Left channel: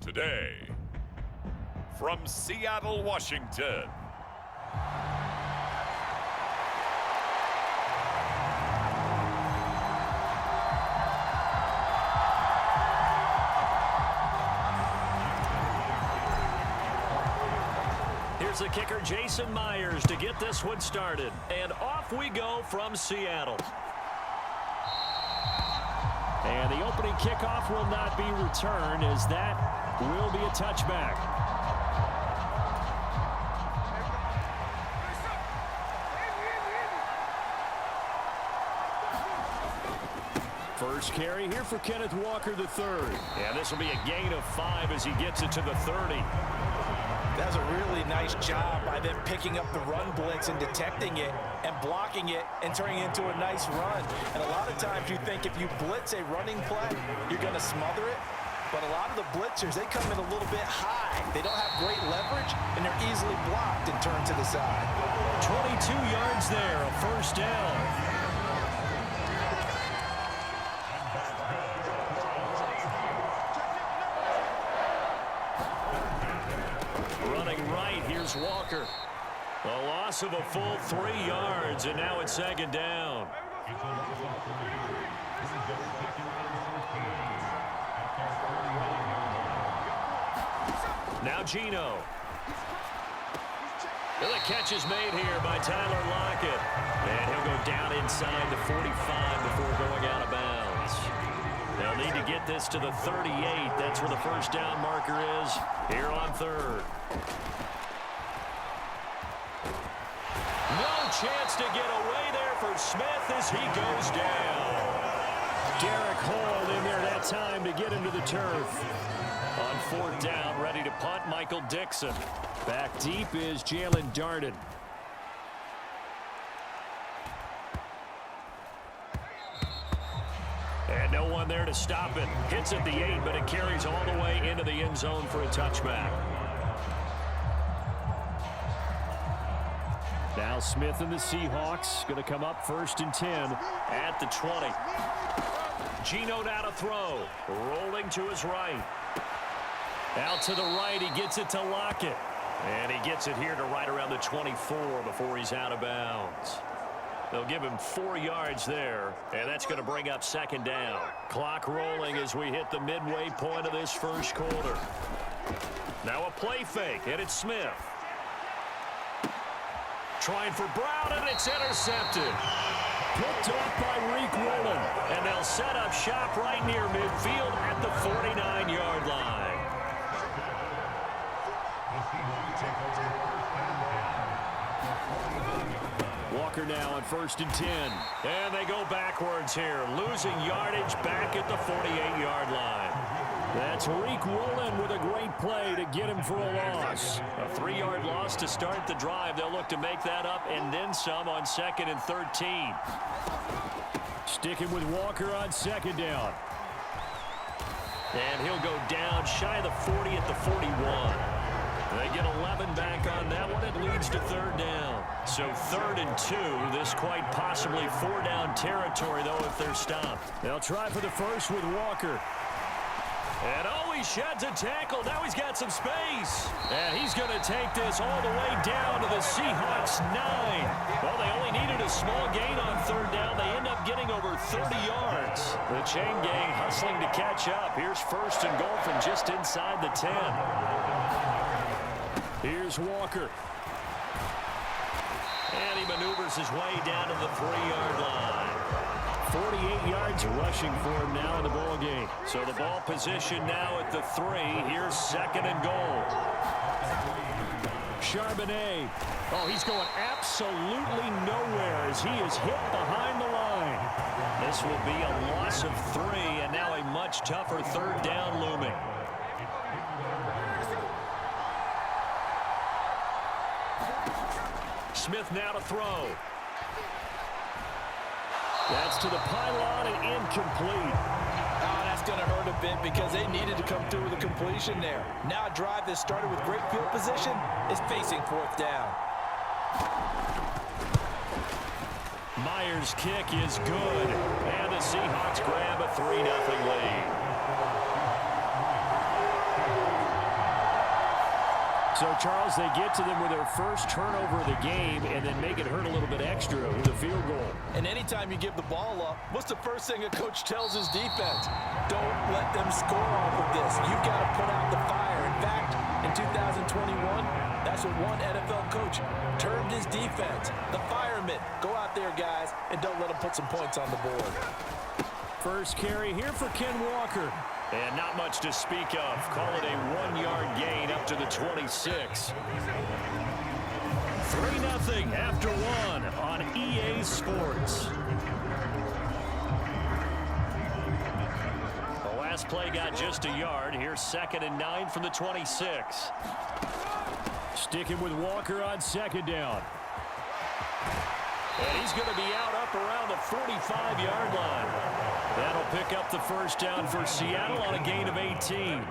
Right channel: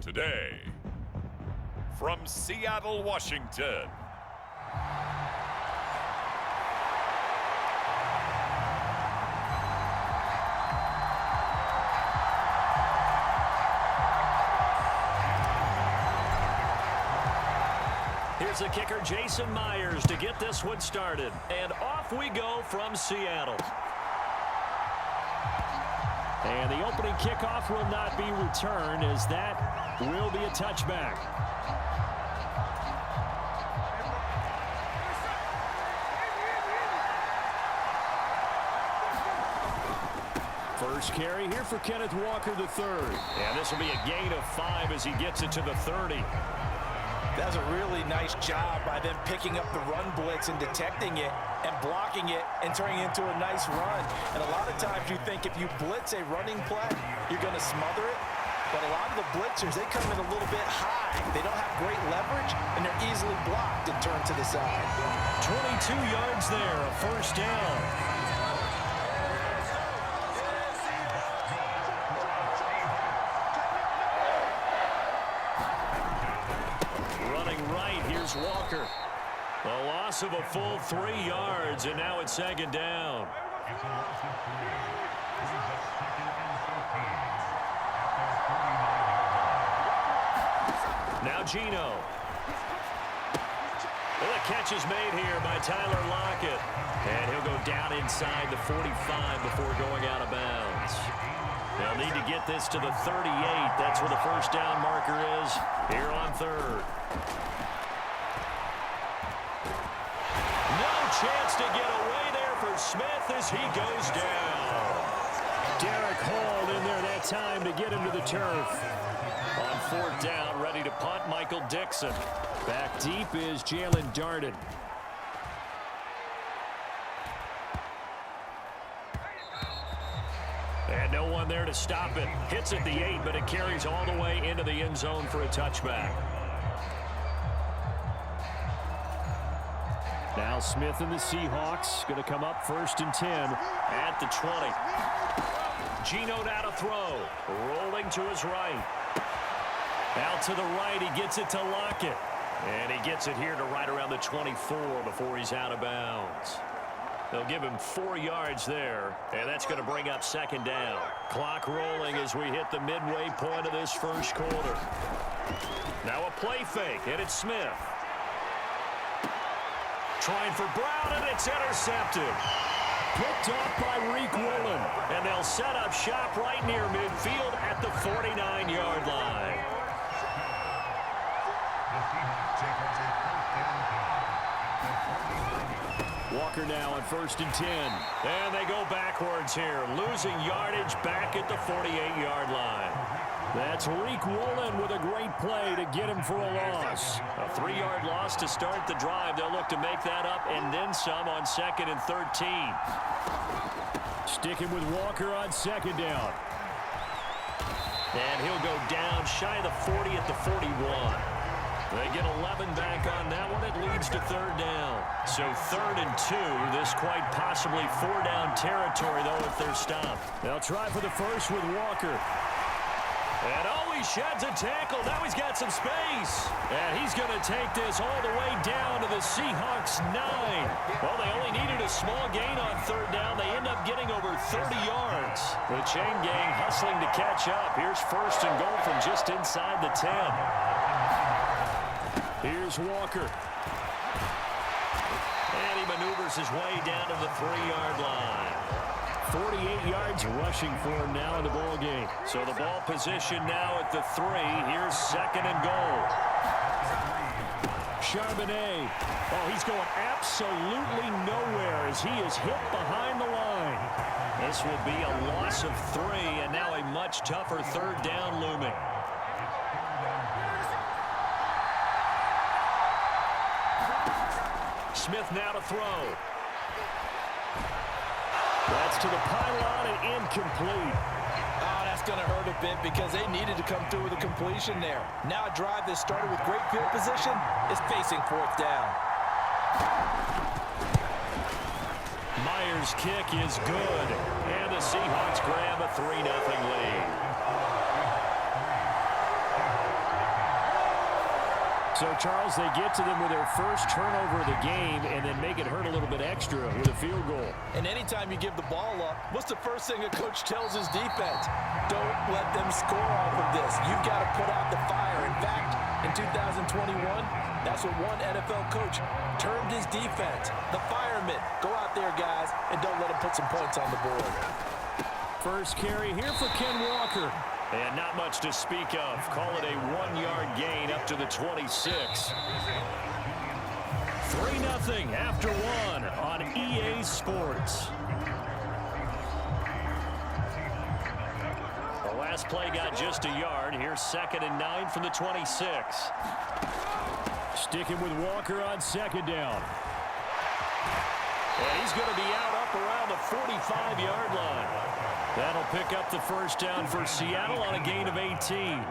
Today, from Seattle, Washington, here's the kicker, Jason Myers, to get this one started. And off we go from Seattle. And the opening kickoff will not be returned, as that will be a touchback. First carry here for Kenneth Walker III. And this will be a gain of 5 as he gets it to the 30. That's a really nice job by them picking up the run blitz and detecting it and blocking it and turning it into a nice run. And a lot of times you think if you blitz a running play, you're going to smother it. But a lot of the blitzers, they come in a little bit high. They don't have great leverage, and they're easily blocked and turned to the side. 22 yards there, a first down. Here's Walker. A loss of a full 3 yards, and now it's second down. Now Gino. The catch is made here by Tyler Lockett. And he'll go down inside the 45 before going out of bounds. They'll need to get this to the 38. That's where the first down marker is here on third. No chance to get away there for Smith as he goes down. Derek Hall in there that time to get him to the turf. On fourth down, ready to punt, Michael Dixon. Back deep is Jalen Darden. And no one there to stop it. Hits at the 8, but it carries all the way into the end zone for a touchback. Now Smith and the Seahawks going to come up 1st and 10 at the 20. Gino now to throw. Rolling to his right. Out to the right. He gets it to Lockett. And he gets it here to right around the 24 before he's out of bounds. They'll give him 4 yards there. And that's going to bring up second down. Clock rolling as we hit the midway point of this first quarter. Now a play fake. And it's Smith. Trying for Brown, and it's intercepted. Picked off by Reek Woolen. And they'll set up shop right near midfield at the 49-yard line. Walker now on 1st and 10. And they go backwards here. Losing yardage back at the 48-yard line. That's Reek Woolen with a great play to get him for a loss. A 3-yard loss to start the drive. They'll look to make that up and then some on 2nd and 13. Sticking with Walker on second down. And he'll go down shy of the 40 at the 41. They get 11 back on that one. It leads to third down. So 3rd and 2. This quite possibly 4-down territory, though, if they're stopped. They'll try for the first with Walker. And oh, he sheds a tackle. Now he's got some space. And he's going to take this all the way down to the Seahawks 9. Well, they only needed a small gain on third down. They end up getting over 30 yards. The chain gang hustling to catch up. Here's 1st and goal from just inside the 10. Here's Walker. And he maneuvers his way down to the 3-yard line. 48 yards rushing for him now in the ball game. So the ball position now at the 3. Here's 2nd and goal. Charbonnet. Oh, he's going absolutely nowhere as he is hit behind the line. This will be a loss of 3, and now a much tougher 3rd down looming. Smith now to throw. That's to the pylon and incomplete. Oh, that's going to hurt a bit because they needed to come through with a completion there. Now a drive that started with great field position is facing 4th down. Myers' kick is good. And the Seahawks grab a 3-0 lead. So, Charles, they get to them with their first turnover of the game and then make it hurt a little bit extra with a field goal. And anytime you give the ball up, what's the first thing a coach tells his defense? Don't let them score off of this. You've got to put out the fire. In fact, in 2021, that's what one NFL coach termed his defense. The firemen. Go out there, guys, and don't let them put some points on the board. First carry here for Ken Walker. And not much to speak of. Call it a 1-yard gain up to the 26. 3-0 after 1 on EA Sports. The last play got just a yard. Here's 2nd and 9 from the 26. Sticking with Walker on 2nd down. And he's going to be out up around the 45-yard line. That'll pick up the first down for Seattle on a gain of 18.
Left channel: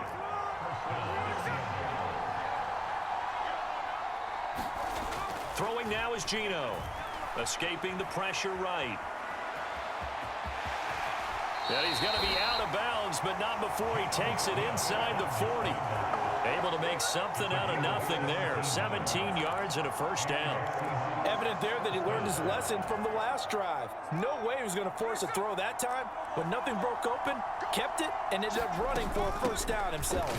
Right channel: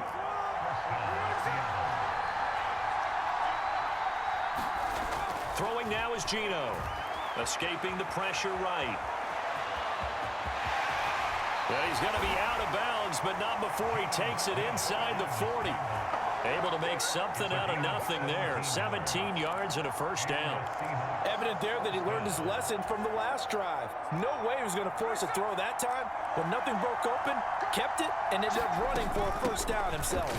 Throwing now is Geno. Escaping the pressure right. And he's going to be out of bounds, but not before he takes it inside the 40. Able to make something out of nothing there. 17 yards and a first down. Evident there that he learned his lesson from the last drive. No way he was going to force a throw that time. When nothing broke open, kept it, and ended up running for a first down himself.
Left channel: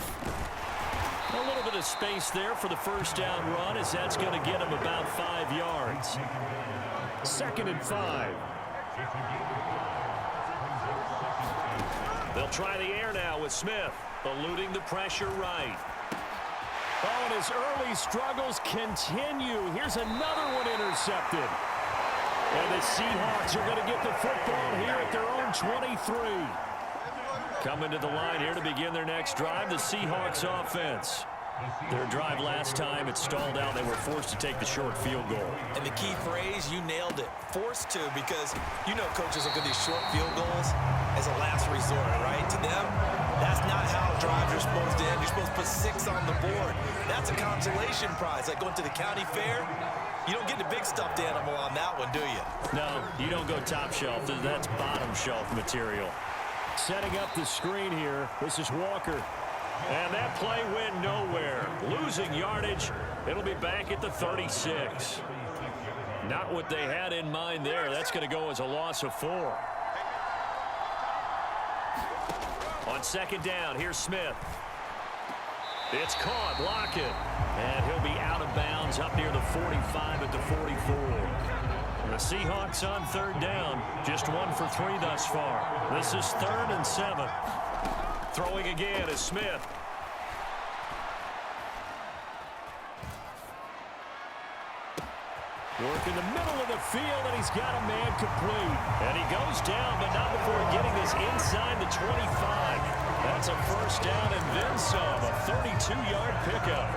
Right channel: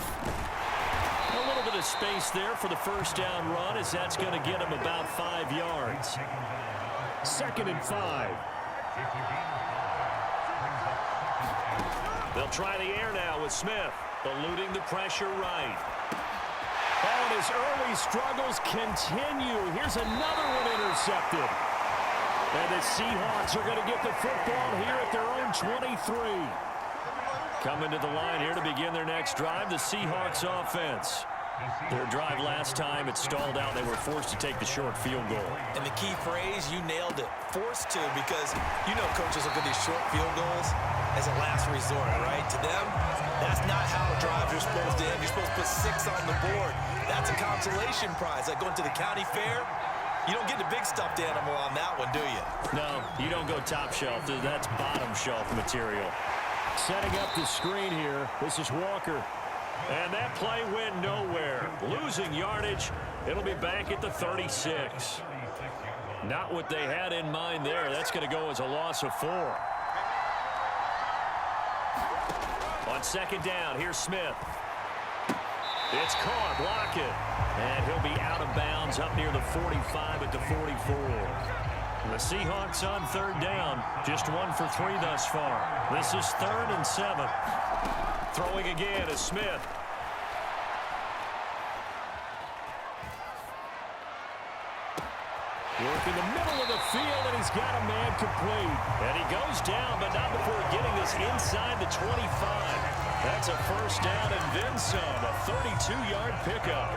A little bit of space there for the first down run, as that's going to get him about 5 yards. 2nd and 5. They'll try the air now with Smith, eluding the pressure right. Oh, and his early struggles continue. Here's another one intercepted. And the Seahawks are going to get the football here at their own 23. Coming to the line here to begin their next drive, the Seahawks offense. Their drive last time, it stalled out. They were forced to take the short field goal. And the key phrase, you nailed it. Forced to, because you know coaches look at these short field goals as a last resort, right? To them, that's not how drives are supposed to end. You're supposed to put 6 on the board. That's a consolation prize. Like going to the county fair, you don't get the big stuffed animal on that one, do you? No, you don't go top shelf. That's bottom shelf material. Setting up the screen here. This is Walker. And that play went nowhere. Losing yardage. It'll be back at the 36. Not what they had in mind there. That's going to go as a loss of 4. On 2nd down, here's Smith. It's caught, Lockett. And he'll be out of bounds up near the 45 at the 44. The Seahawks on 3rd down. Just 1 for 3 thus far. This is 3rd and 7. Throwing again is Smith. Work in the middle of the field, and he's got a man complete. And he goes down, but not before getting this inside the 25. That's a first down and then some. A 32-yard pickup.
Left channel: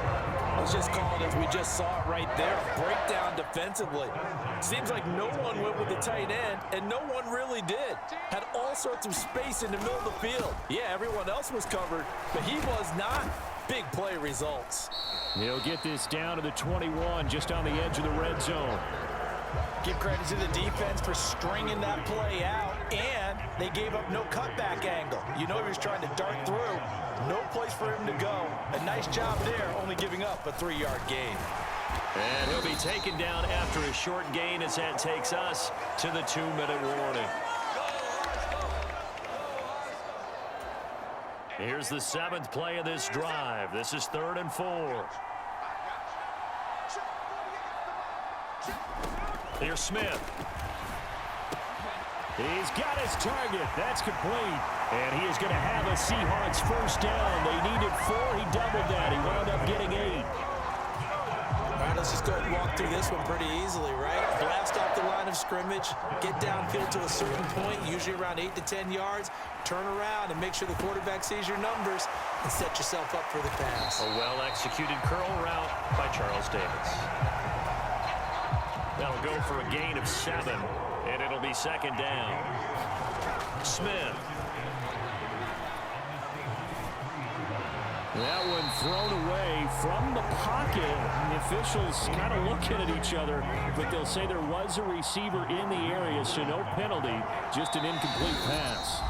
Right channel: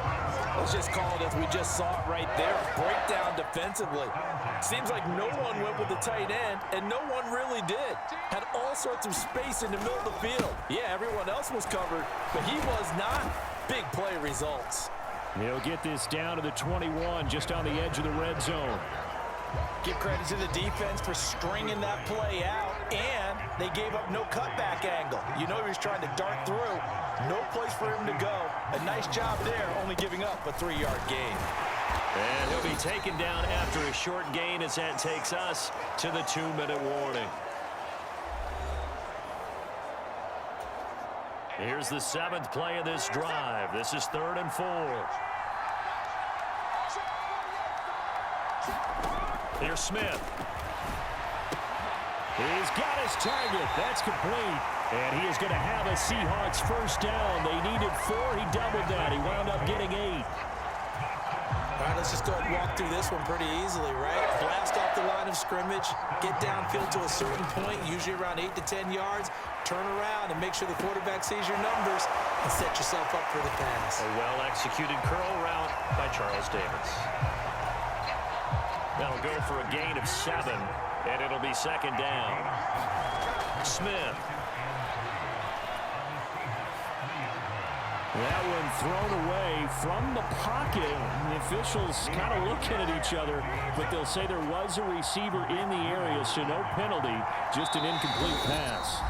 Let's just call it as we just saw it right there. A breakdown defensively. Seems like no one went with the tight end, and no one really did. Had all sorts of space in the middle of the field. Yeah, everyone else was covered, but he was not. Big play results. He'll get this down to the 21, just on the edge of the red zone. Give credit to the defense for stringing that play out, and they gave up no cutback angle. You know he was trying to dart through. No place for him to go. A nice job there, only giving up a 3-yard gain. And he'll be taken down after a short gain as that takes us to the 2-minute warning. Here's the 7th play of this drive. This is 3rd and 4. Here's Smith. He's got his target. That's complete. And he is going to have a Seahawks first down. They needed 4. He doubled that. He wound up getting 8. All right, let's just go ahead and walk through this one pretty easily, right? Blast off the line of scrimmage, get downfield to a certain point, usually around 8 to 10 yards, turn around and make sure the quarterback sees your numbers and set yourself up for the pass. A well-executed curl route by Charles Davis. That'll go for a gain of 7, and it'll be 2nd down. Smith. That one thrown away from the pocket. The officials kind of looking at each other, but they'll say there was a receiver in the area, so no penalty, just an incomplete pass.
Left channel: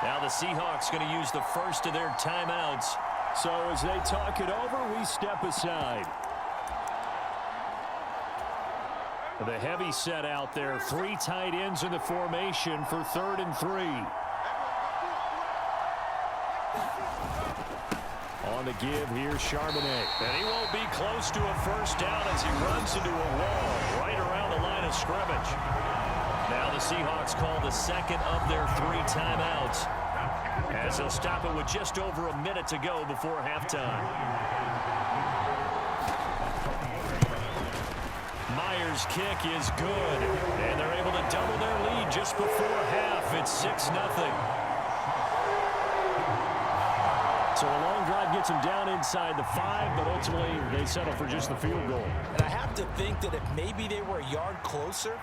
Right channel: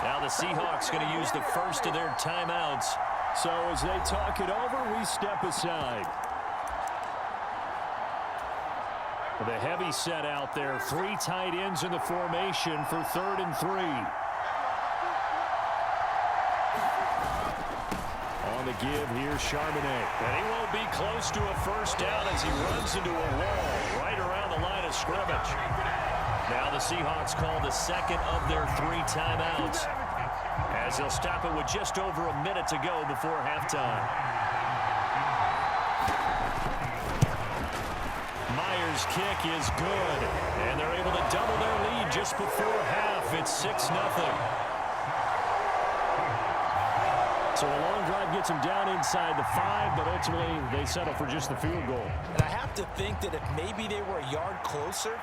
Now the Seahawks going to use the first of their timeouts So as they talk it over, we step aside. The heavy set out there. 3 tight ends in the formation for 3rd and 3. On the give, here's Charbonnet. And he won't be close to a first down as he runs into a wall right around the line of scrimmage. Now the Seahawks call the second of their 3 timeouts, as they'll stop it with just over a minute to go before halftime. Myers' kick is good, and they're able to double their lead just before half. It's 6-0. So a long drive gets them down inside the 5, but ultimately they settle for just the field goal. And I have to think that if maybe they were a yard closer,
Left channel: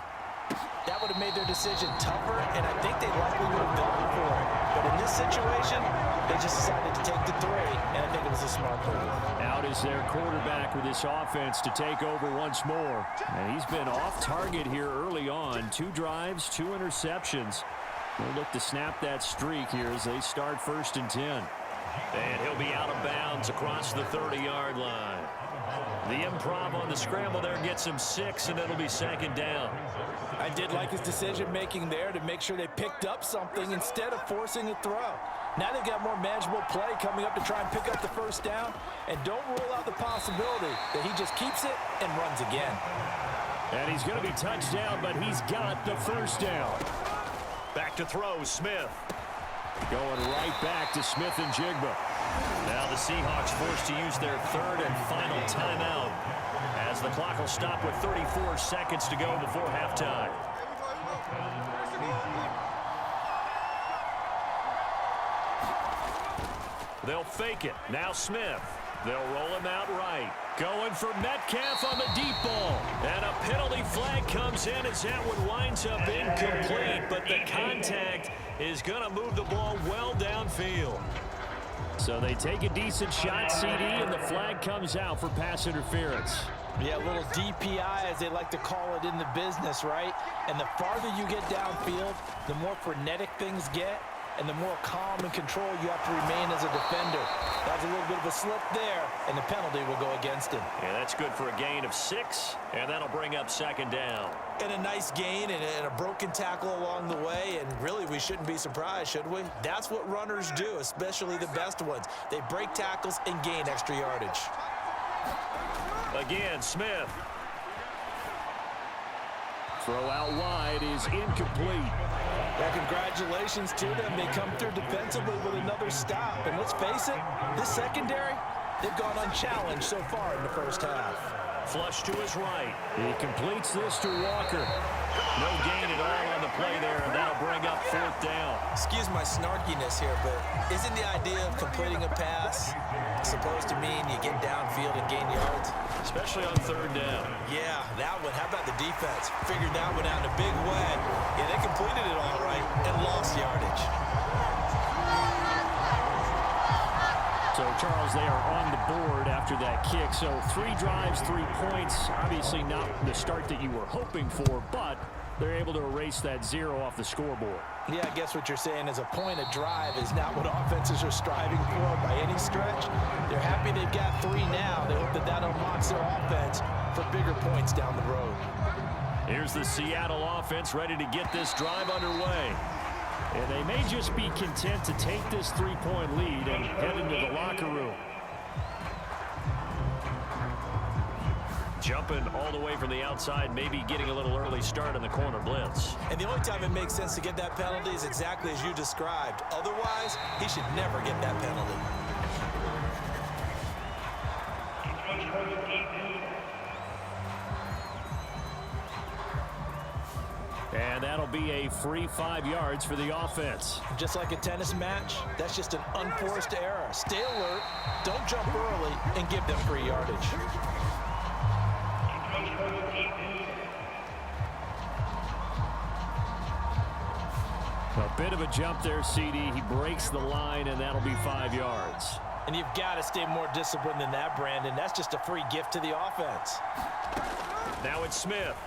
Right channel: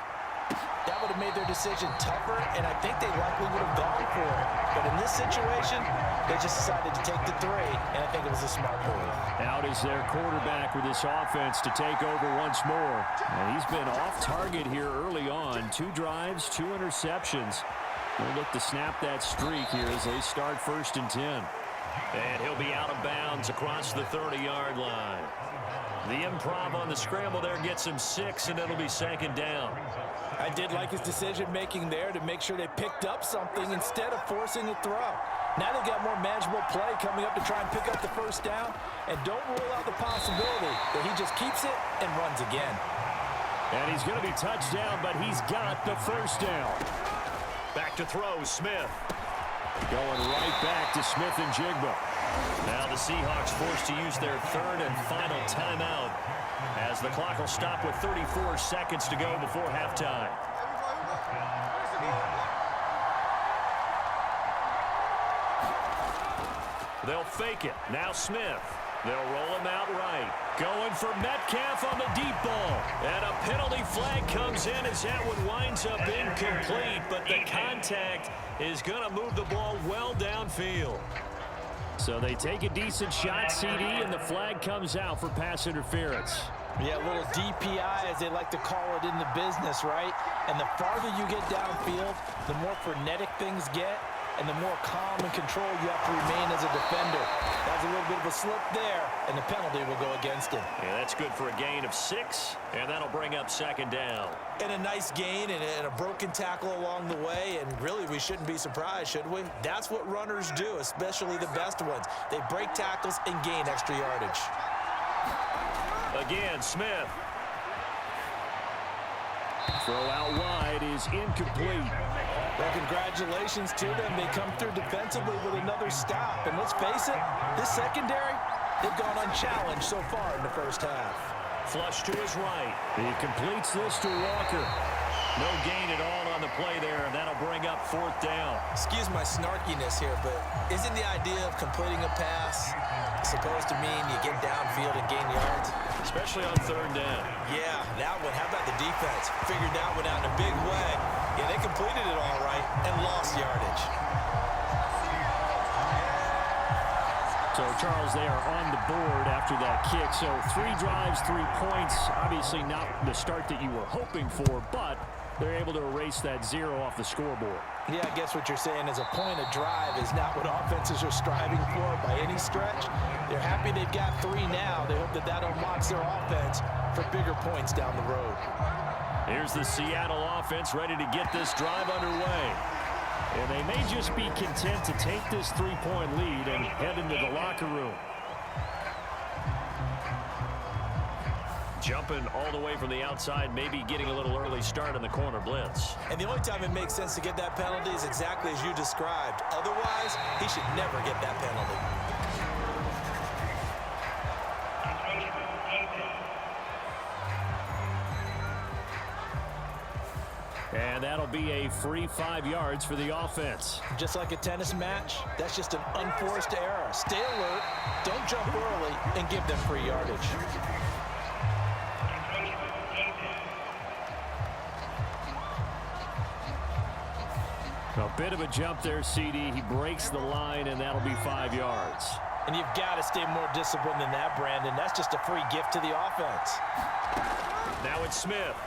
that would have made their decision tougher, and I think they likely would have gone for it. But in this situation, they just decided to take the 3, and I think it was a smart move. Out is their quarterback with this offense to take over once more. And he's been off target here early on. 2 drives, 2 interceptions. We'll look to snap that streak here as they start 1st and 10. And he'll be out of bounds across the 30-yard line. The improv on the scramble there gets him 6, and it'll be 2nd down. I did like his decision-making there to make sure they picked up something instead of forcing a throw. Now they've got more manageable play coming up to try and pick up the first down, and don't rule out the possibility that he just keeps it and runs again. And he's going to be touched down, but he's got the first down. Back to throw, Smith. Going right back to Smith and Jigba. Now the Seahawks forced to use their 3rd and final timeout, as the clock will stop with 34 seconds to go before halftime. They'll fake it. Now Smith. They'll roll him out right. Going for Metcalf on the deep ball. And a penalty flag comes in as that one winds up incomplete, but the contact is going to move the ball well downfield. So they take a decent shot, CD, and the flag comes out for pass interference. Yeah, a little DPI, as they like to call it in the business, right? And the farther you get downfield, the more frenetic things get, and the more calm and control you have to remain as a defender. That's a little bit of a slip there, and the penalty will go against him. Yeah, that's good for a gain of 6, and that'll bring up 2nd down. And a nice gain and a broken tackle along the way, and really we shouldn't be surprised, should we? That's what runners do, especially the best ones. They break tackles and gain extra yardage. Again, Smith. Throw out wide is incomplete. Well, congratulations to them. They come through defensively with another stop. And let's face it, this secondary, they've gone unchallenged so far in the first half. Flush to his right. He completes this to Walker. No gain at all on the play there, and that'll bring up 4th down. Excuse my snarkiness here, but isn't the idea of completing a pass supposed to mean you get downfield and gain yards? Especially on 3rd down. Yeah, that one. How about the defense? Figured that one out in a big way. Yeah, they completed it all right and lost yardage. So, Charles, they are on the board after that kick. So 3 drives, 3 points. Obviously not the start that you were hoping for, but they're able to erase that 0 off the scoreboard. Yeah, I guess what you're saying is a point of drive is not what offenses are striving for by any stretch. They're happy they've got 3 now. They hope that that unlocks their offense for bigger points down the road. Here's the Seattle offense ready to get this drive underway. And they may just be content to take this 3-point lead and head into the locker room. Jumping all the way from the outside, maybe getting a little early start on the corner blitz. And the only time it makes sense to get that penalty is exactly as you described. Otherwise, he should never get that penalty. And that'll be a free 5 yards for the offense. Just like a tennis match, that's just an unforced error. Stay alert, don't jump early, and give them free yardage. A bit of a jump there, CD. He breaks the line, and that'll be 5 yards. And you've got to stay more disciplined than that, Brandon. That's just a free gift to the offense. Now it's Smith.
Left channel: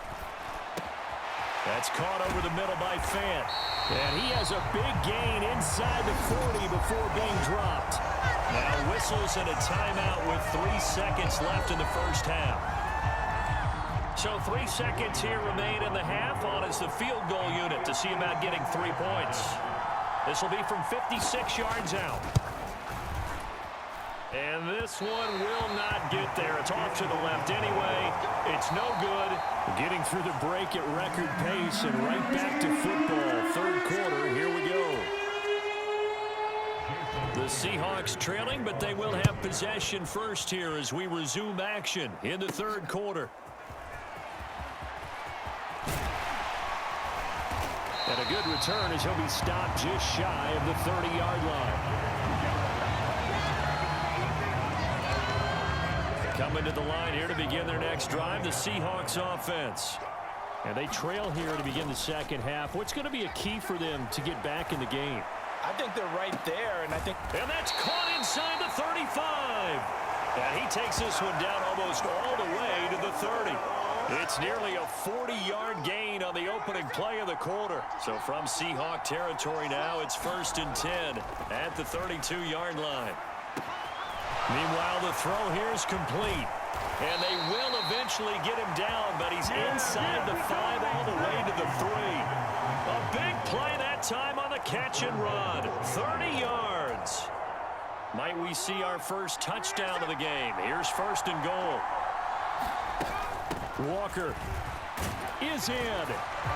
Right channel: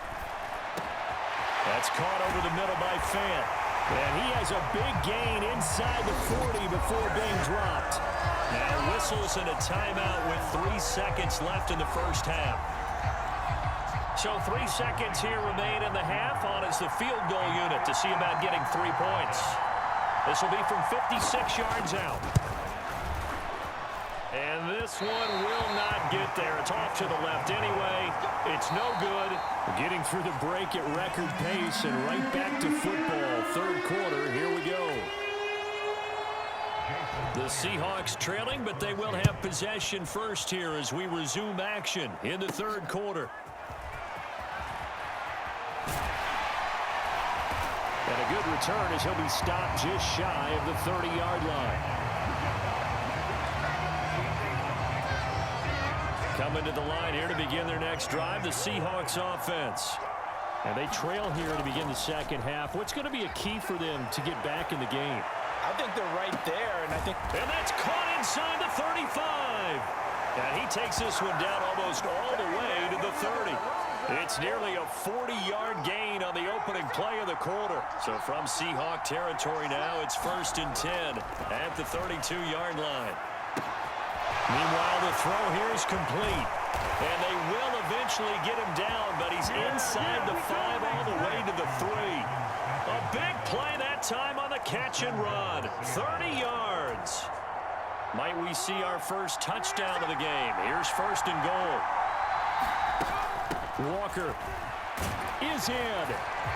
That's caught over the middle by Fant. And he has a big gain inside the 40 before being dropped. Now whistles and a timeout with 3 seconds left in the first half. So 3 seconds here remain in the half. On is the field goal unit to see about getting 3 points. This will be from 56 yards out. And this one will not get there. It's off to the left anyway. It's no good. Getting through the break at record pace and right back to football. Third quarter, here we go. The Seahawks trailing, but they will have possession first here as we resume action in the third quarter. And a good return as he'll be stopped just shy of the 30-yard line. Coming to the line here to begin their next drive, the Seahawks offense. And they trail here to begin the second half. What's going to be a key for them to get back in the game? I think they're right there, and And that's caught inside the 35. And he takes this one down almost all the way to the 30. It's nearly a 40-yard gain on the opening play of the quarter. So from Seahawk territory now, it's 1st and 10 at the 32-yard line. Meanwhile, the throw here is complete. And they will eventually get him down, but he's inside the 5 all the way to the 3. A big play that time on the catch and run. 30 yards. Might we see our first touchdown of the game? Here's 1st and goal. Walker is in.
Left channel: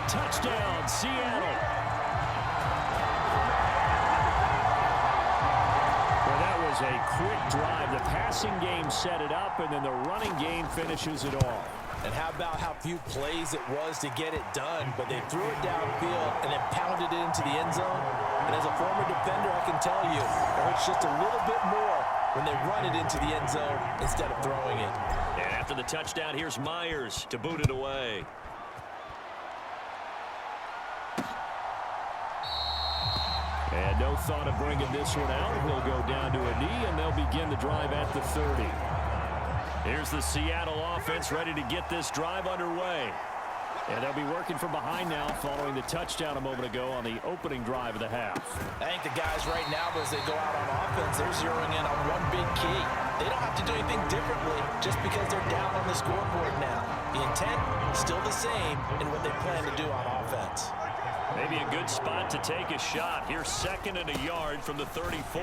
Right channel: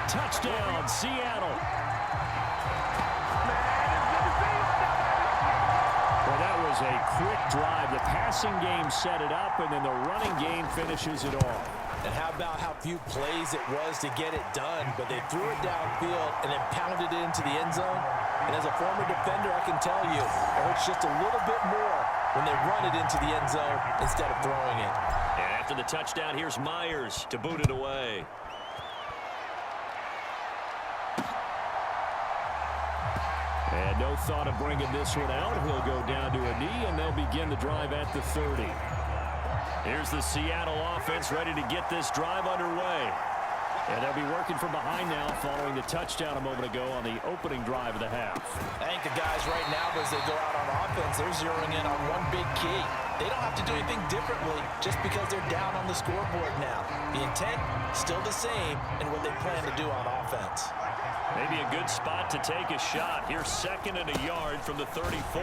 Touchdown, Seattle. Well, that was a quick drive. The passing game set it up, and then the running game finishes it off. And how about how few plays it was to get it done, but they threw it downfield and then pounded it into the end zone. And as a former defender, I can tell you, it hurts just a little bit more when they run it into the end zone instead of throwing it. And after the touchdown, here's Myers to boot it away. And no thought of bringing this one out. He'll go down to a knee, and they'll begin the drive at the 30. Here's the Seattle offense ready to get this drive underway. And they'll be working from behind now following the touchdown a moment ago on the opening drive of the half. I think the guys right now, as they go out on offense, they're zeroing in on one big key. They don't have to do anything differently just because they're down on the scoreboard now. The intent, still the same in what they plan to do on offense. Maybe a good spot to take a shot. Here's 2nd and a yard from the 34.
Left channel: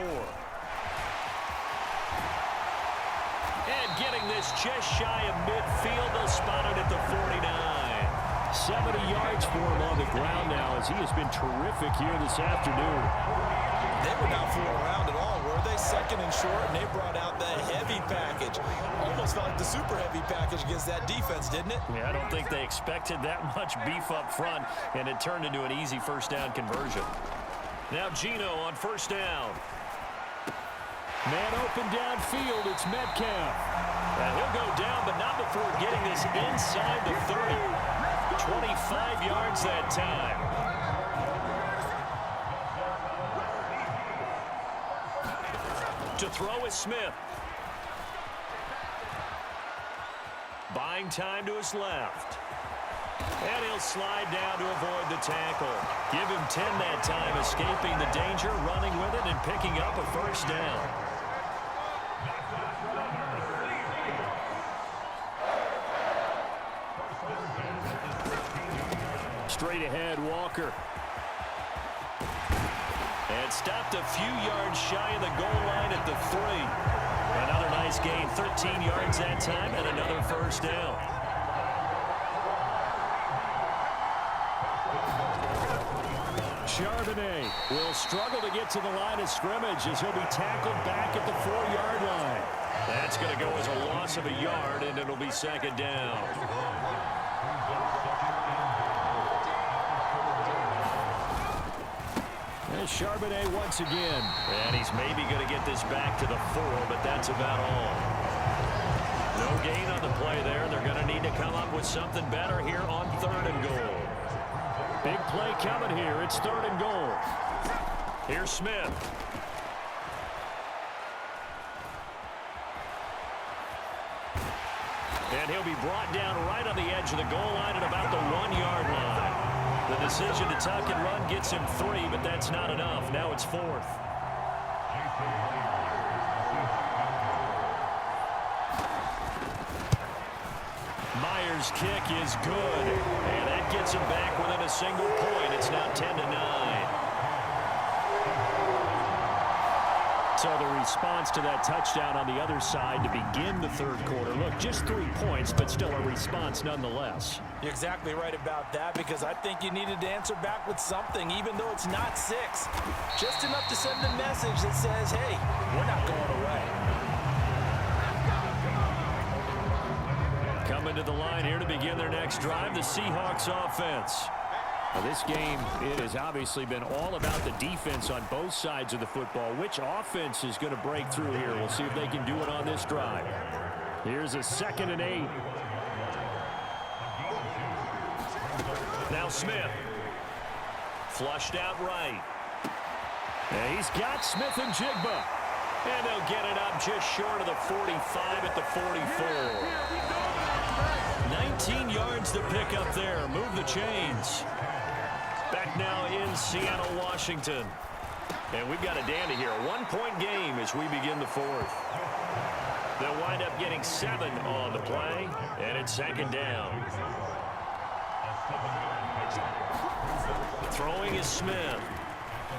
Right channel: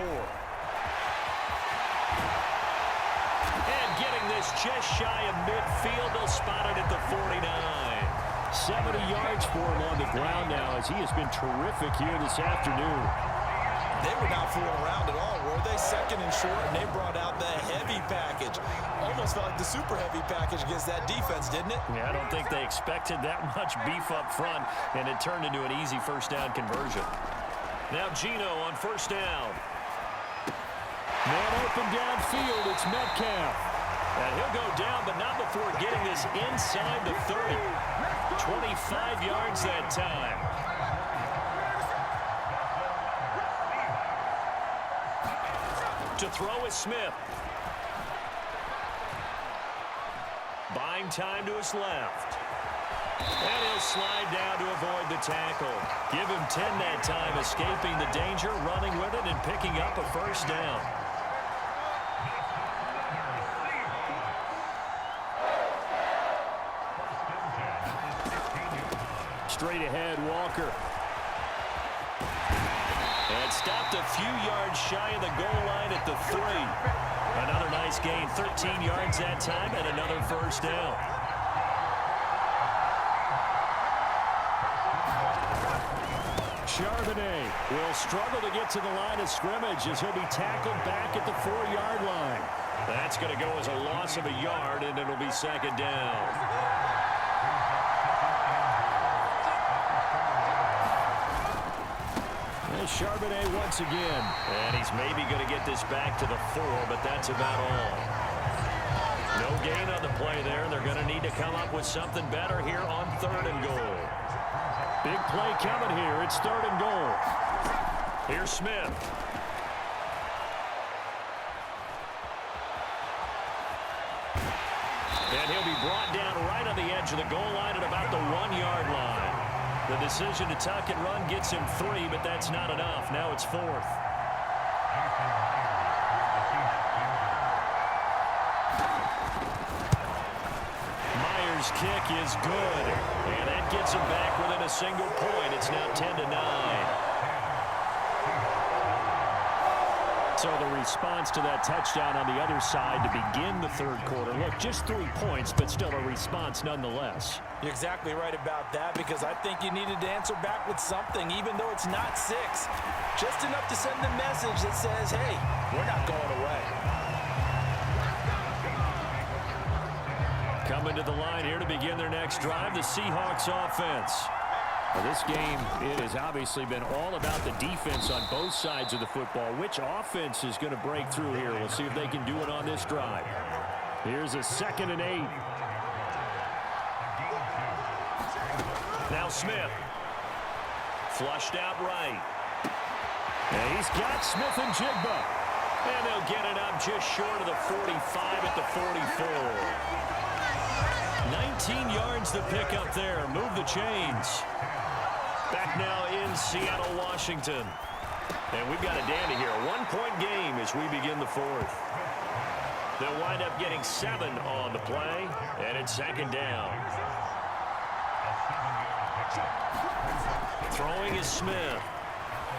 And getting this just shy of midfield, they'll spot it at the 49. 70 yards for him on the ground now as he has been terrific here this afternoon. They were not fooling around at all, were they? 2nd and short, and they brought out the heavy package. Almost felt like the super heavy package against that defense, didn't it? Yeah, I don't think they expected that much beef up front, and it turned into an easy first down conversion. Now Geno on 1st down. Man open downfield, it's Metcalf. And he'll go down, but not before getting this inside the 30. 25 yards that time. To throw is Smith. Buying time to his left. And he'll slide down to avoid the tackle. Give him 10 that time, escaping the danger, running with it, and picking up a 1st down. Straight ahead, Walker. And stopped a few yards shy of the goal line at the 3. Another nice gain, 13 yards that time, and another 1st down. Charbonnet will struggle to get to the line of scrimmage as he'll be tackled back at the 4-yard line. That's going to go as a loss of a yard, and it'll be 2nd down. Charbonnet once again. And he's maybe going to get this back to the 4, but that's about all. No gain on the play there. They're going to need to come up with something better here on 3rd and goal. Big play coming here. It's 3rd and goal. Here's Smith. And he'll be brought down right on the edge of the goal line at about the 1-yard line. The decision to tuck and run gets him 3, but that's not enough. Now it's 4th. Myers' kick is good, and that gets him back within a single point. It's now 10-9. So the response to that touchdown on the other side to begin the third quarter. Look, just 3 points, but still a response nonetheless. You're exactly right about that, because I think you needed to answer back with something, even though it's not 6. Just enough to send a message that says, hey, we're not going away. Coming to the line here to begin their next drive, the Seahawks offense. Now this game, it has obviously been all about the defense on both sides of the football. Which offense is going to break through here? We'll see if they can do it on this drive. Here's a 2nd and 8. Now Smith. Flushed out right. And he's got Smith and Jigba. And they'll get it up just short of the 45 at the 44. 19 yards to pick up there. Move the chains. Back now in Seattle, Washington. And we've got a dandy here. A 1-point game as we begin the fourth. They'll wind up getting 7 on the play. And it's 2nd down. Throwing is Smith.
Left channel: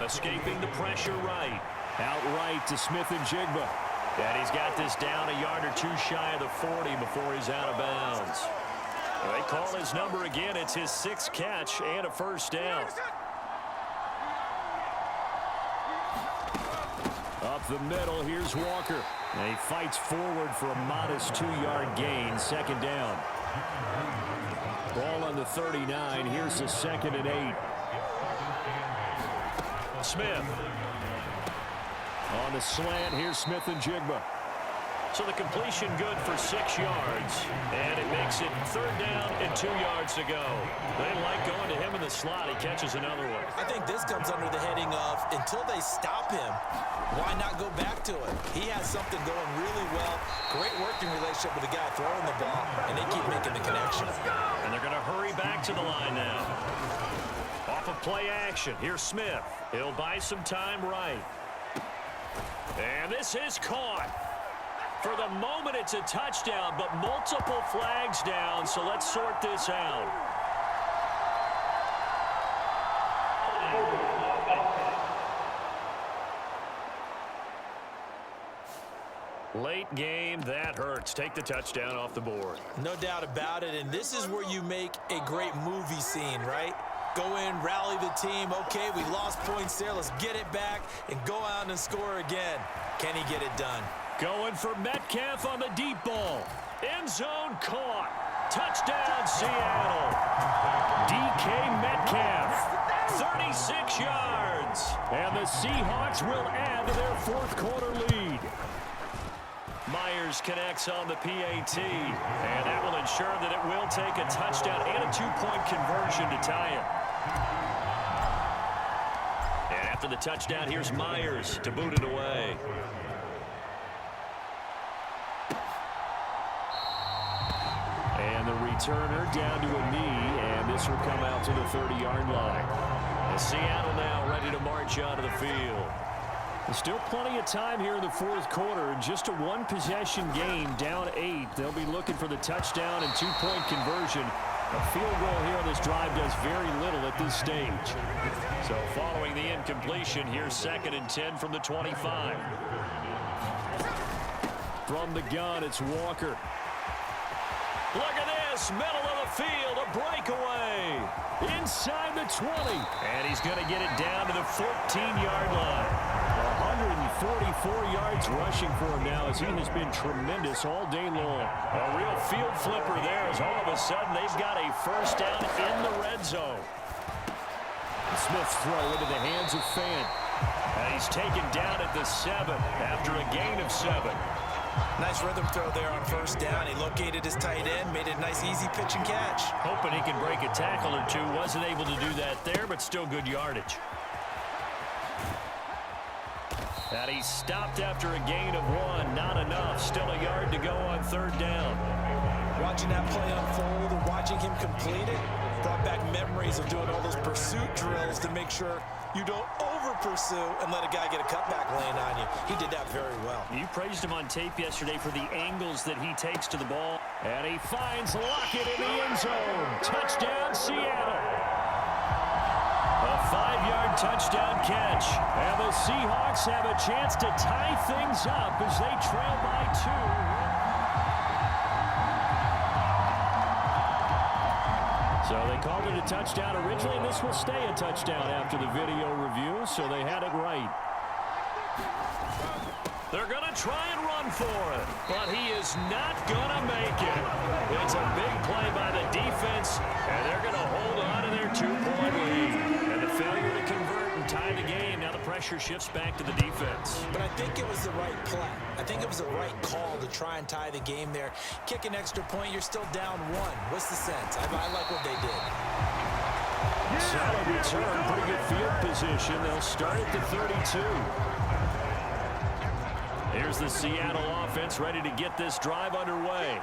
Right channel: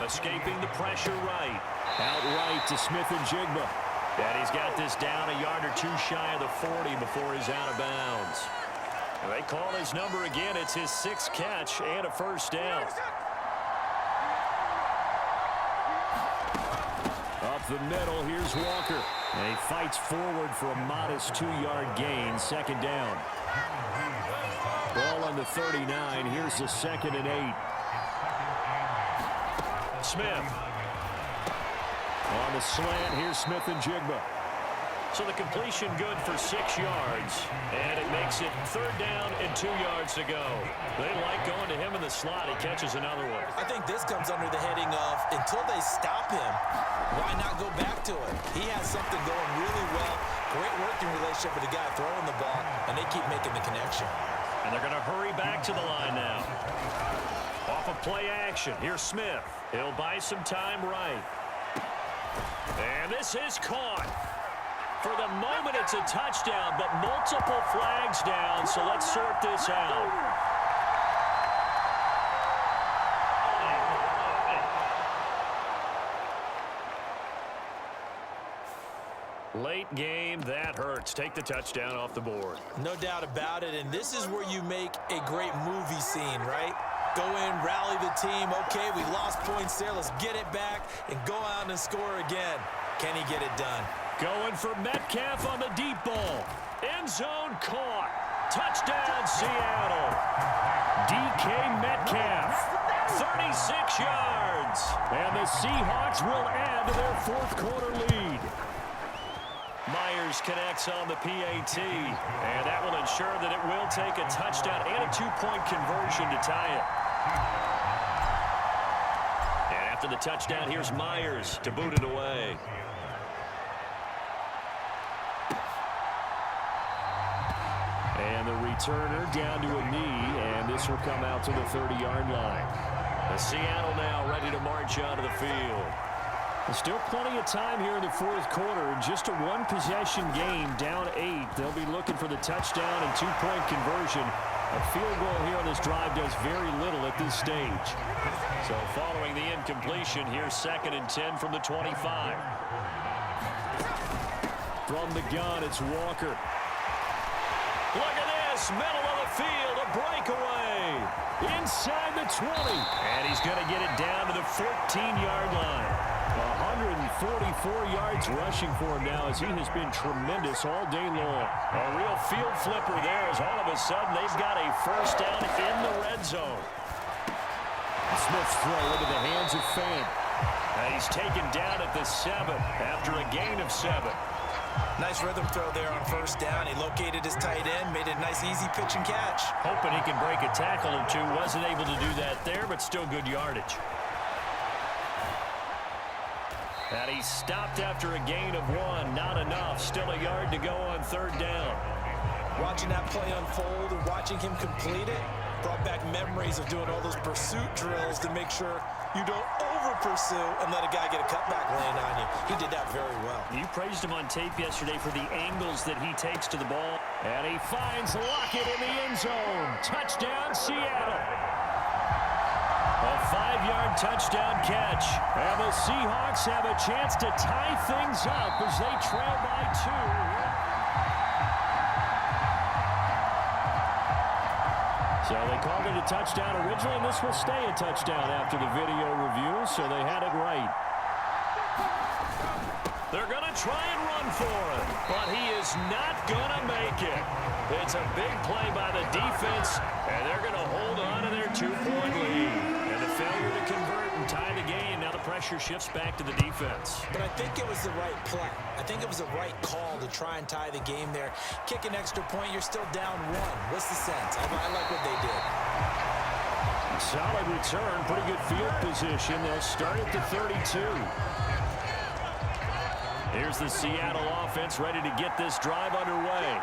Escaping the pressure right. Out right to Smith and Jigba. And he's got this down a yard or 2 shy of the 40 before he's out of bounds. They call his number again. It's his 6th catch and a 1st down. Up the middle, here's Walker. And he fights forward for a modest 2-yard gain. 2nd down. Ball on the 39. Here's the 2nd and 8. Smith. On the slant, here's Smith and Jigba. So the completion good for 6 yards, and it makes it 3rd down and 2 yards to go. They like going to him in the slot. He catches another one. I think this comes under the heading of, until they stop him, why not go back to it? He has something going really well. Great working relationship with the guy throwing the ball, and they keep making the connection. And they're going to hurry back to the line now. Off of play action, here's Smith. He'll buy some time right. And this is caught. For the moment, it's a touchdown, but multiple flags down, so let's sort this out. Late game, that hurts. Take the touchdown off the board. No doubt about it, and this is where you make a great movie scene, right? Go in, rally the team. Okay, we lost points there. Let's get it back and go out and score again. Can he get it done? Going for Metcalf on the deep ball. End zone caught. Touchdown, Seattle. DK Metcalf. 36 yards. And the Seahawks will add to their 4th quarter lead. Myers connects on the PAT. And that will ensure that it will take a touchdown and a 2-point conversion to tie it. And after the touchdown, here's Myers to boot it away. And the returner down to a knee, and this will come out to the 30-yard line. And Seattle now ready to march onto the field. There's still plenty of time here in the 4th quarter. Just a 1-possession game, down 8. They'll be looking for the touchdown and 2-point conversion. A field goal here on this drive does very little at this stage. So following the incompletion, here's 2nd and 10 from the 25. From the gun, it's Walker. Look at this, middle of the field, a breakaway. Inside the 20. And he's going to get it down to the 14-yard line. 144 yards rushing for him now, as he has been tremendous all day long. A real field flipper there, as all of a sudden they've got a 1st down in the red zone. Smith's throw into the hands of Fant. And he's taken down at the 7 after a gain of 7. Nice rhythm throw there on 1st down. He located his tight end, made it a nice easy pitch and catch. Hoping he can break a tackle or 2. Wasn't able to do that there, but still good yardage. And he stopped after a gain of 1. Not enough. Still a yard to go on 3rd down. Watching that play unfold and watching him complete it brought back memories of doing all those pursuit drills to make sure you don't pursue and let a guy get a cutback lane on you. He did that very well. You praised him on tape yesterday for the angles that he takes to the ball. And he finds Lockett in the end zone. Touchdown, Seattle. A 5-yard touchdown catch. And the Seahawks have a chance to tie things up as they trail by 2. So they called it a touchdown originally, and this will stay a touchdown after the video review, so they had it right. They're going to try and run for it, but he is not going to make it. It's a big play by the defense, and they're going to hold on to their 2-point lead. And the failure to convert and tie the game, now the pressure shifts back to the defense. But I think it was the right play. I think it was the right call to try and tie the game there. Kick an extra point, you're still down 1. What's the sense? I like what they did. Solid return, pretty good field position. They'll start at the 32. Here's the Seattle offense ready to get this drive underway.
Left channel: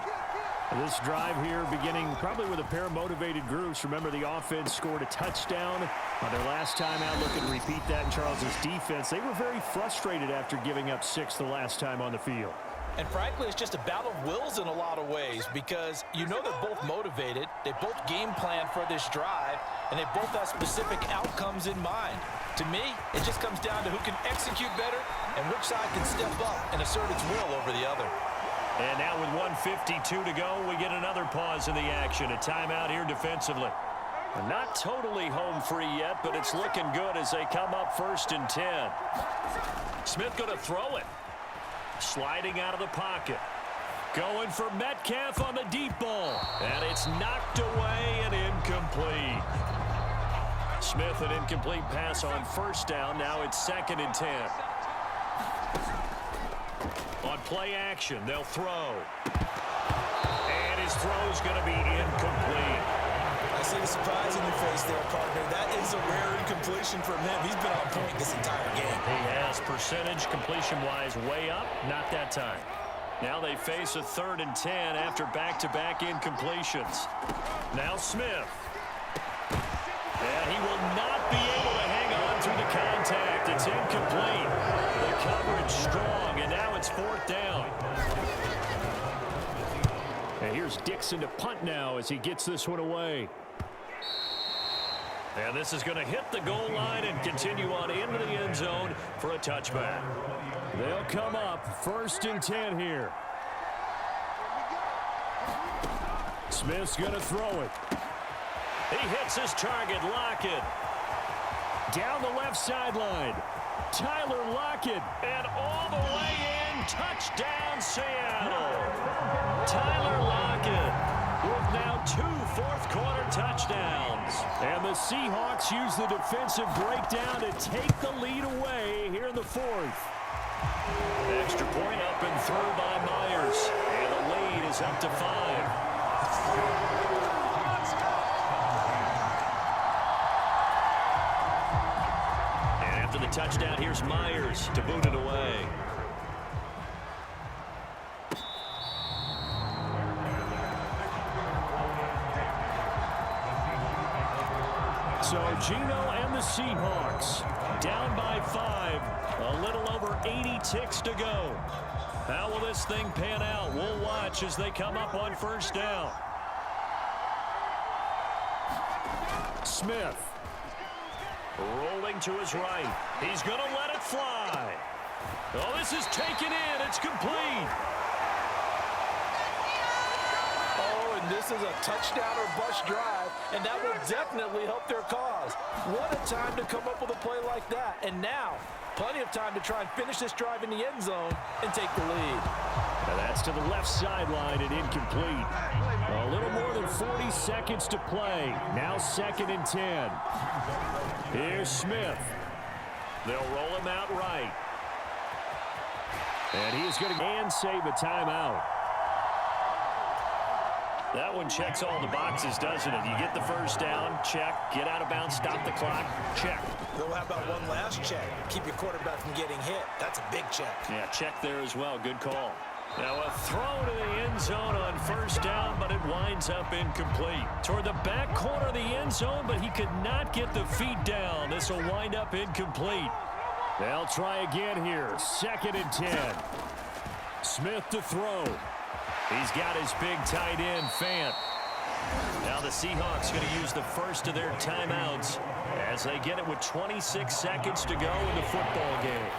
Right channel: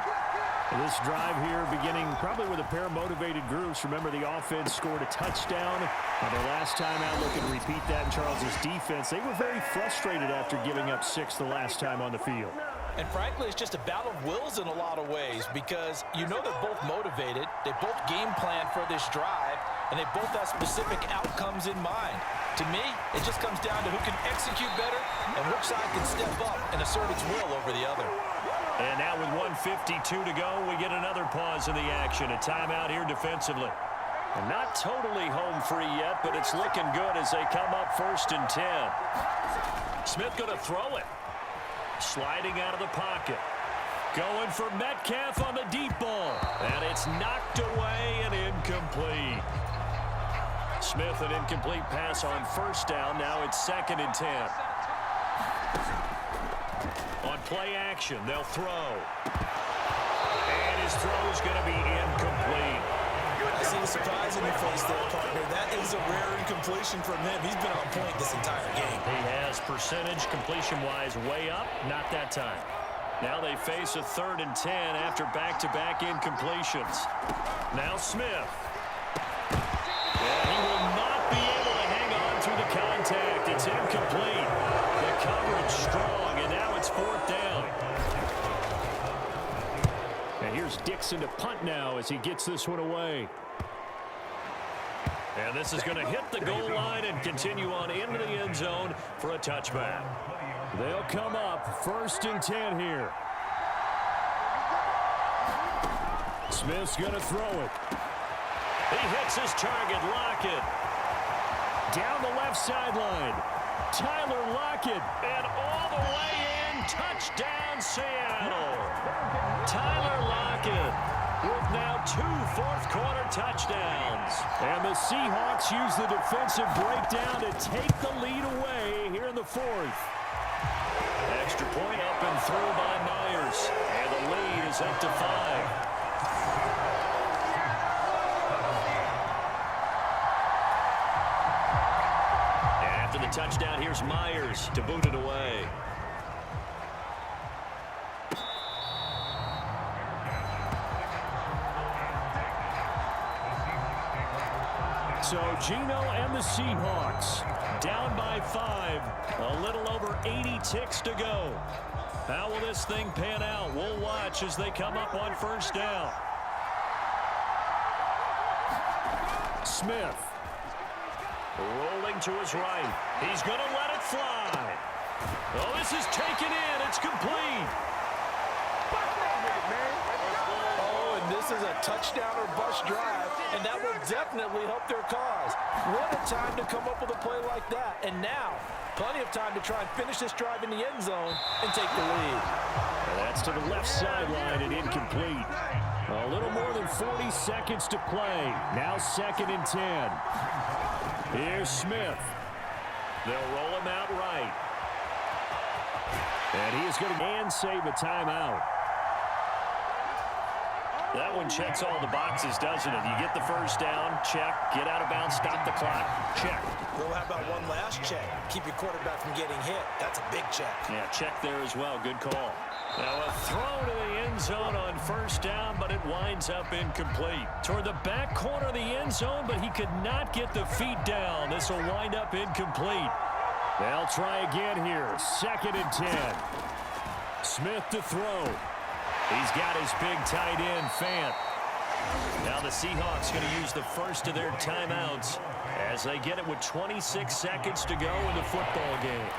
This drive here beginning probably with a pair of motivated groups. Remember, the offense scored a touchdown on their last time out. Looking to repeat that in Charles's defense. They were very frustrated after giving up 6 the last time on the field. And frankly, it's just a battle of wills in a lot of ways because you know they're both motivated. They both game plan for this drive, and they both have specific outcomes in mind. To me, it just comes down to who can execute better and which side can step up and assert its will over the other. And now with 1:52 to go, we get another pause in the action. A timeout here defensively. And not totally home free yet, but it's looking good as they come up 1st and 10. Smith going to throw it. Sliding out of the pocket. Going for Metcalf on the deep ball. And it's knocked away and incomplete. Smith, an incomplete pass on 1st down. Now it's 2nd and 10. On play action, they'll throw. And his throw's going to be incomplete. I see the surprise in your face there, partner. That is a rare incompletion from him. He's been on point this entire game. He has percentage completion-wise way up. Not that time. Now they face a 3rd and 10 after back-to-back incompletions. Now Smith. And he will not be able to hang on through the contact. It's incomplete. The coverage strong, and now it's 4th down. And here's Dixon to punt now as he gets this one away. And this is going to hit the goal line and continue on into the end zone for a touchback. They'll come up 1st and 10 here. Smith's going to throw it. He hits his target, Lockett. Down the left sideline. Tyler Lockett, and all the way in. Touchdown, Seattle. Tyler Lockett with now 2 fourth-quarter touchdowns. And the Seahawks use the defensive breakdown to take the lead away here in the 4th. Extra point up and through by Myers. And the lead is up to 5. After the touchdown, here's Myers to boot it away. So Gino and the Seahawks down by 5. A little over 80 ticks to go. How will this thing pan out? We'll watch as they come up on 1st down. Smith. Rolling to his right. He's going to let it fly. Oh, this is taken in. It's complete. Oh, and this is a touchdown or bust drive, and that will definitely help their cause. What a time to come up with a play like that. And now, plenty of time to try and finish this drive in the end zone and take the lead. And that's to the left sideline and incomplete. A little more than 40 seconds to play. Now 2nd and 10. Here's Smith. They'll roll him out right. And he is going to save a timeout. That one checks all the boxes, doesn't it? You get the 1st down, check. Get out of bounds, stop the clock, check. Well, how about one last check? Keep your quarterback from getting hit. That's a big check. Yeah, check there as well. Good call. Now a throw to the end zone on first down, but it winds up incomplete. Toward the back corner of the end zone, but he could not get the feet down. This will wind up incomplete. They'll try again here. 2nd and 10. Smith to throw. He's got his big tight end, Fant. Now the Seahawks going to use the first of their timeouts as they get it with 26 seconds to go in the football game.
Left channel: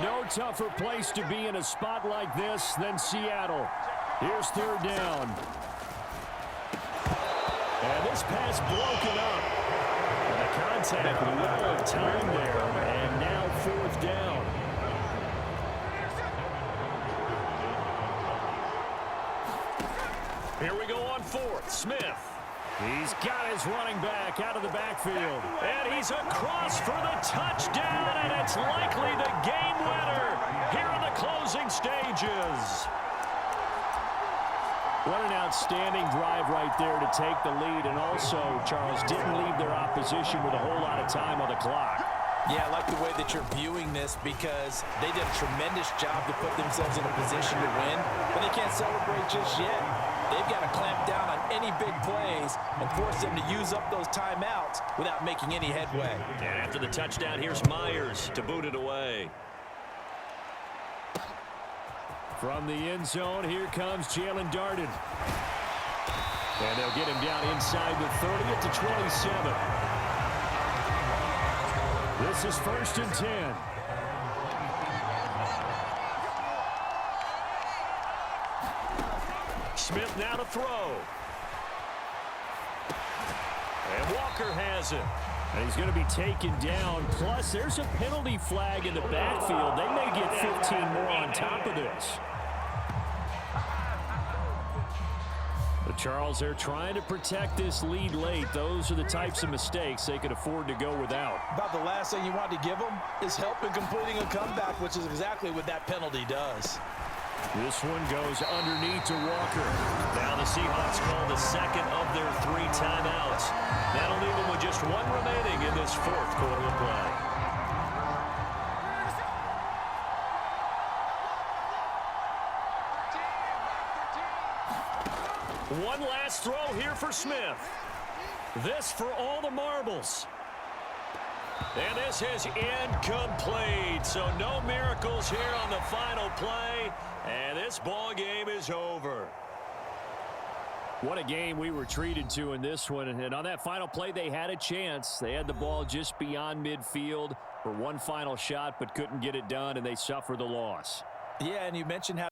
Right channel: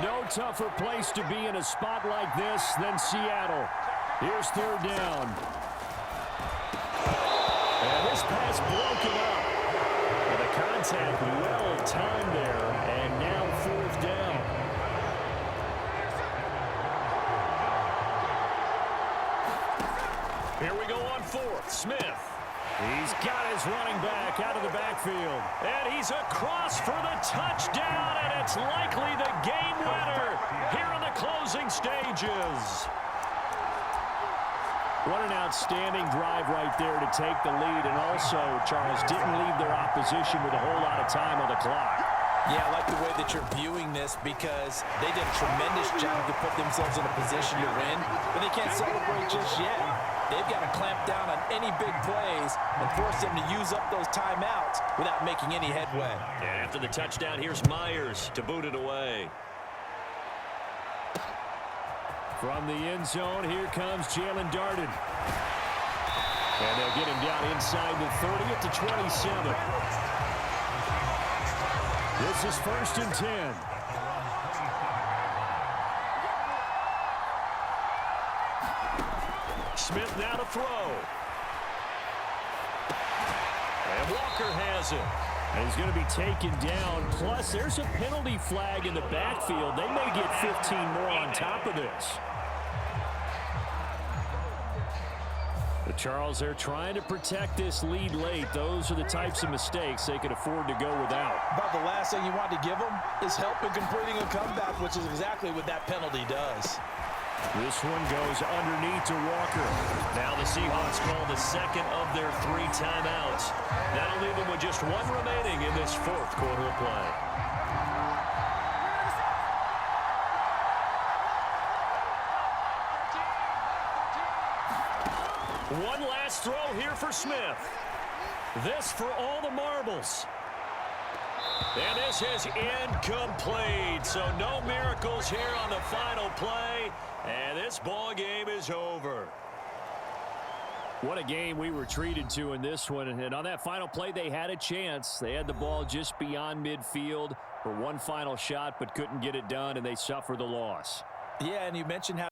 No tougher place to be in a spot like this than Seattle. Here's 3rd down. And this pass broken up. And the contact well timed there. And now 4th down. Here we go on 4th. Smith. He's got his running back out of the backfield. And he's across for the touchdown, and it's likely the game winner here in the closing stages. What an outstanding drive right there to take the lead, and also, Charles, didn't leave their opposition with a whole lot of time on the clock. Yeah, I like the way that you're viewing this because they did a tremendous job to put themselves in a position to win, but they can't celebrate just yet. They've got to clamp down on any big plays and force them to use up those timeouts without making any headway. And after the touchdown, here's Myers to boot it away. From the end zone, here comes Jalen Darden. And they'll get him down inside the 30 at the 27. This is 1st and 10. Smith now to throw. And Walker has it. And he's going to be taken down. Plus, there's a penalty flag in the backfield. They may get 15 more on top of this. But Charles, they're trying to protect this lead late. Those are the types of mistakes they could afford to go without. About the last thing you want to give them is help in completing a comeback, which is exactly what that penalty does. This one goes underneath to Walker. Now the Seahawks call the 2nd of their 3 timeouts. That'll leave them with just 1 remaining in this 4th quarter of play. One last throw here for Smith. This for all the marbles. And this is incomplete. So no miracles here on the final play. And this ball game is over. What a game we were treated to in this one. And on that final play, they had a chance. They had the ball just beyond midfield for one final shot, but couldn't get it done, and they suffer the loss. Yeah, and you mentioned how